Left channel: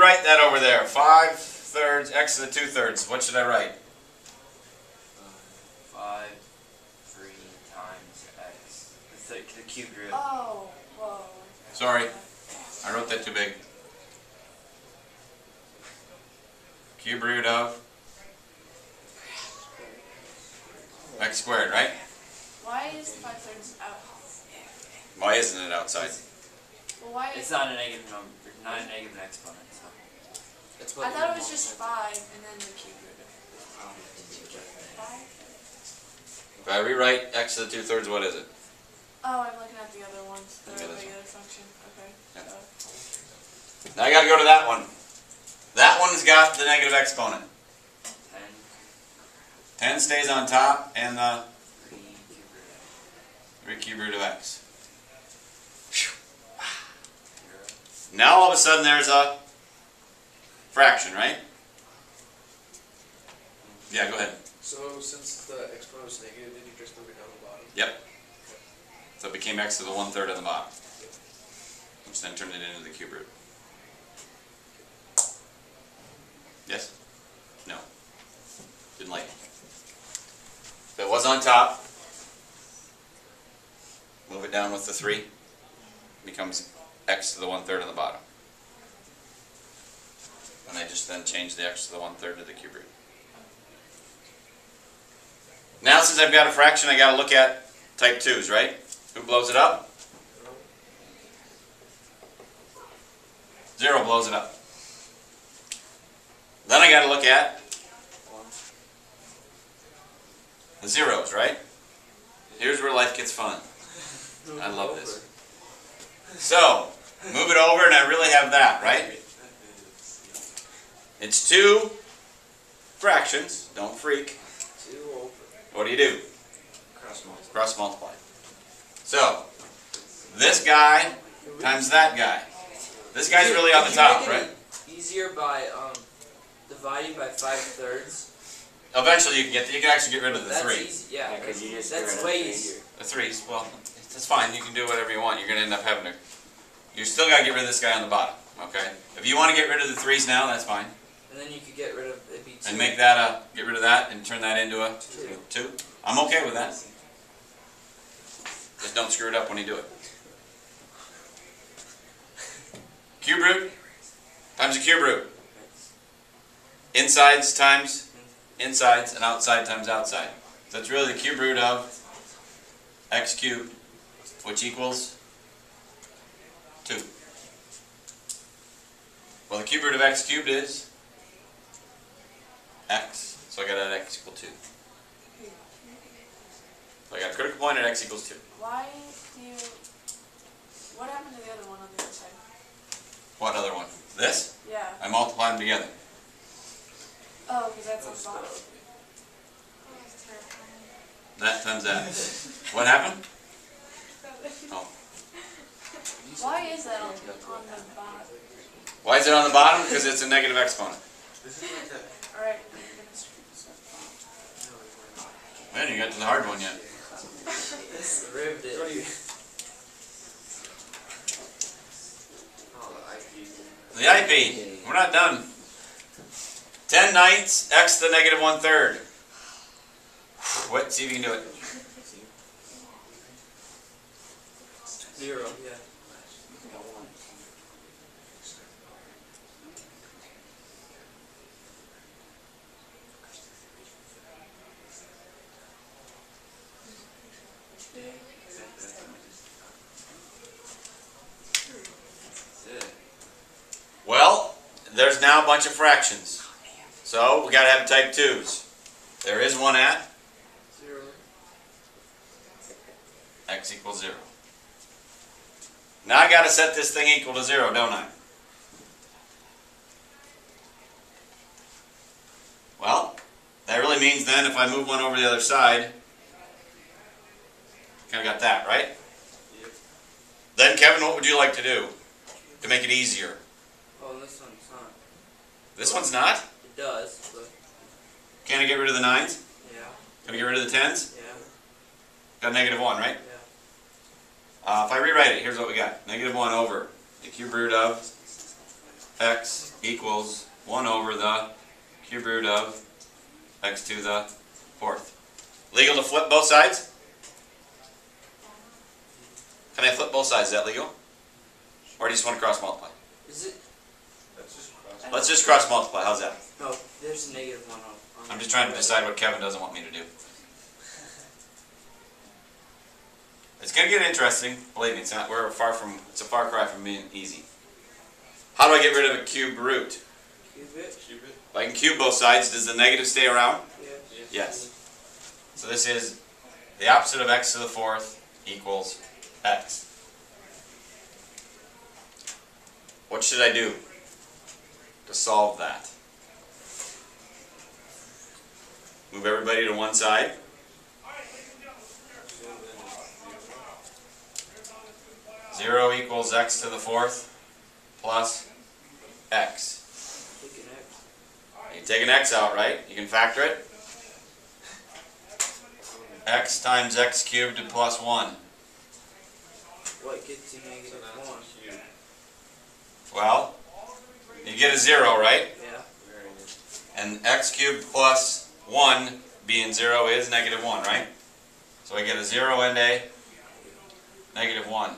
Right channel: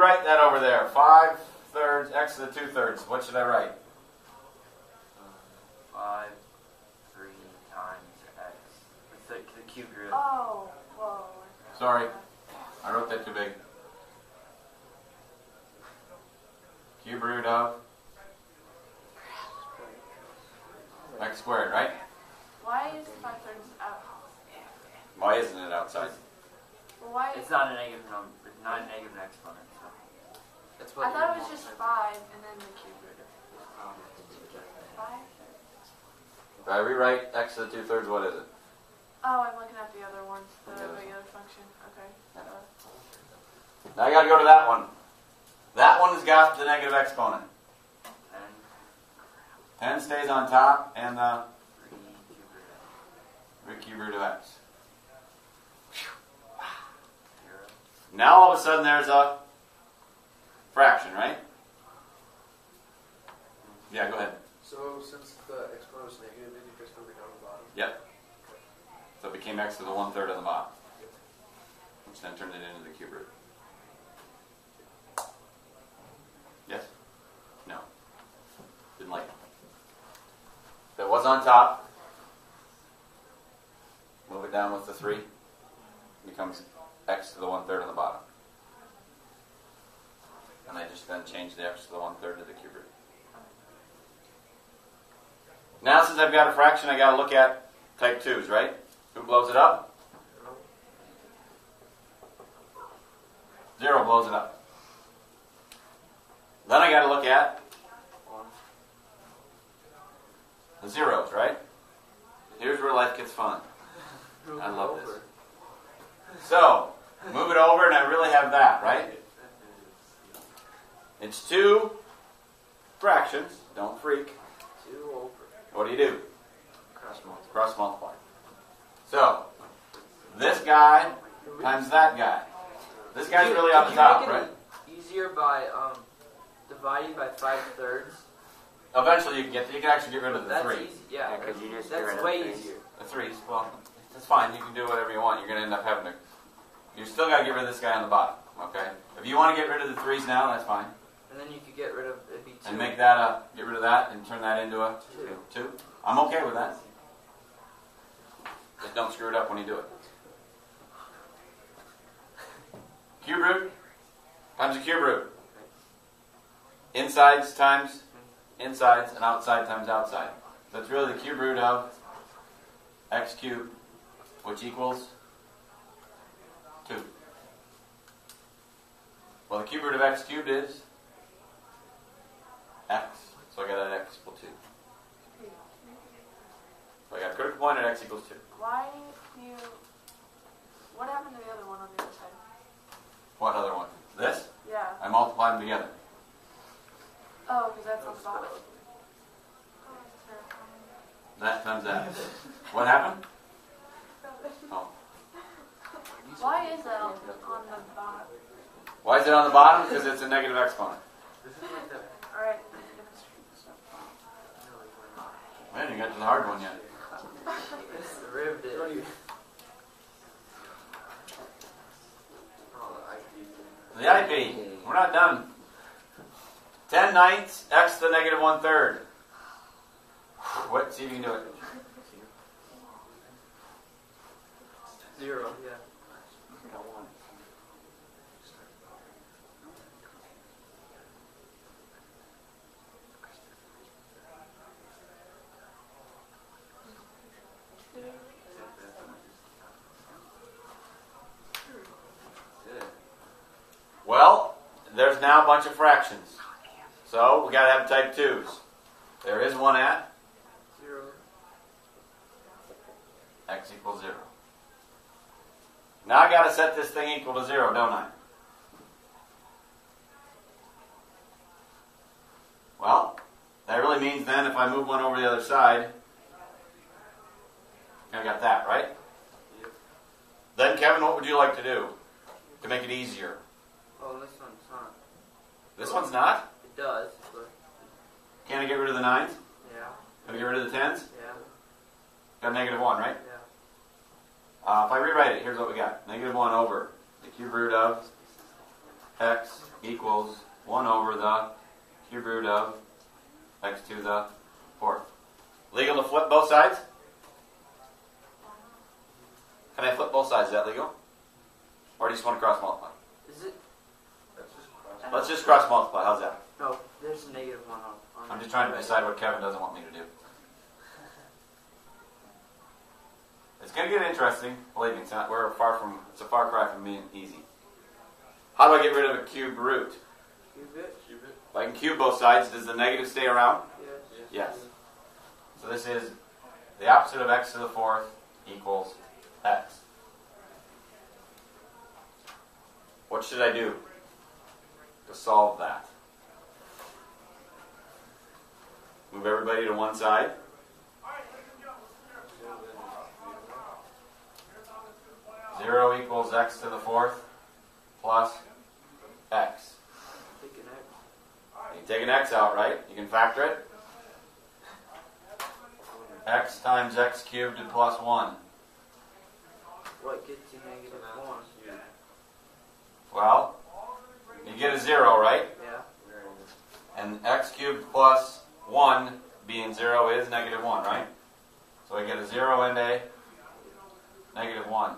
rewrite that over there. 5/3 x to the 2/3. What should I write? 5, 3 times x. It's like the cube root. Oh, whoa. Sorry, I wrote that too big. Cube root of x squared, right? Why is 5/3 out? Why isn't it outside? Well, why? It's not a negative number, not a negative exponent. So. That's what I thought it was just 5 and then the cube root of 5. If I rewrite x to the 2/3, what is it? Oh, I'm looking at the other ones. The Okay, this regular function. Okay. Yeah. So, Now I got to go to that one. That one's got the negative exponent. 10, 10 stays on top, and the 3 cube root of 3 cube root of x. 0. Now all of a sudden there's a fraction, right? Yeah, go ahead. So since the exponent was negative, did you just move it down the bottom? Yep. So it became x to the 1/3 on the bottom, which then turned it into the cube root. Yes? No. Didn't like it. If it was on top, move it down with the 3. Becomes x to the 1/3 on the bottom. And I just then change the x to the 1/3 to the cube root. Now since I've got a fraction, I got to look at type 2's, right? Who blows it up? 0 blows it up. Then I got to look at the zeros, right? Here's where life gets fun. I love this. So, move it over and I really have that, right? It's 2 fractions. Don't freak. 2 over. What do? Cross multiply. Cross multiply. So, this guy times that guy. This guy's really on the top, right? Easier by dividing by 5/3. Eventually you can actually get rid of the That's 3. easy. Yeah, because you just that's way easier. The 3's, well, it's fine. You can do whatever you want. You're going to end up having to... You still got to get rid of this guy on the bottom, okay? If you want to get rid of the 3's now, that's fine. And then you could get rid of it'd be 2. And make that get rid of that and turn that into a 2. I'm okay with that. Just don't screw it up when you do it. Cube root times a cube root. Insides times insides and outside times outside. So it's really the cube root of x cubed, which equals 2. Well, the cube root of x cubed is x, so I got at x equal 2. So I got a critical point at x equals 2. why do you... What happened to the other one on the other side? What other one? This? Yeah. I multiply them together. Oh, because that's on the bottom. That times that. What happened? Oh. Why is that on the bottom? Why is it on the bottom? Because it's a negative exponent. Alright. Man, you got to the hard one yet. Ribbed it. The IP. We're not done. 10/9 x to the negative 1/3. What? See if you can do it. 0. Yeah. Well, there's now a bunch of fractions. So we got to have type 2's. There is one at 0. x equals 0. Now I got to set this thing equal to 0, don't I? Well, that really means then if I move one over the other side, I got that, right? Then Kevin, what would you like to do to make it easier? Oh, this one's not. This one's not? It does, but Can I get rid of the 9's? yeah. Can I get rid of the 10's? Yeah. Got negative 1, right? Yeah. If I rewrite it, here's what we got. Negative 1 over the cube root of x equals 1 over the cube root of x to the 4th. Legal to flip both sides? Can I flip both sides? Is that legal? Or do you just want to cross multiply? Is it? Let's just cross multiply. How's that? No, there's a negative one on. I'm just trying to decide what Kevin doesn't want me to do. It's going to get interesting. Believe me, it's not. It's a far cry from being easy. How do I get rid of a cube root? Cube it? If I can cube both sides, does the negative stay around? Yes. Yes. So this is the opposite of x to the 4th equals x. What should I do to solve that? Move everybody to one side. Zero equals x to the 4th plus x. Take an X. You take an x out, right? You can factor it. X times x cubed plus 1. What gets you negative 1? Well, you get a 0, right? Yeah. And x cubed plus 1 being 0 is negative 1, right? So I get a 0 and a negative 1.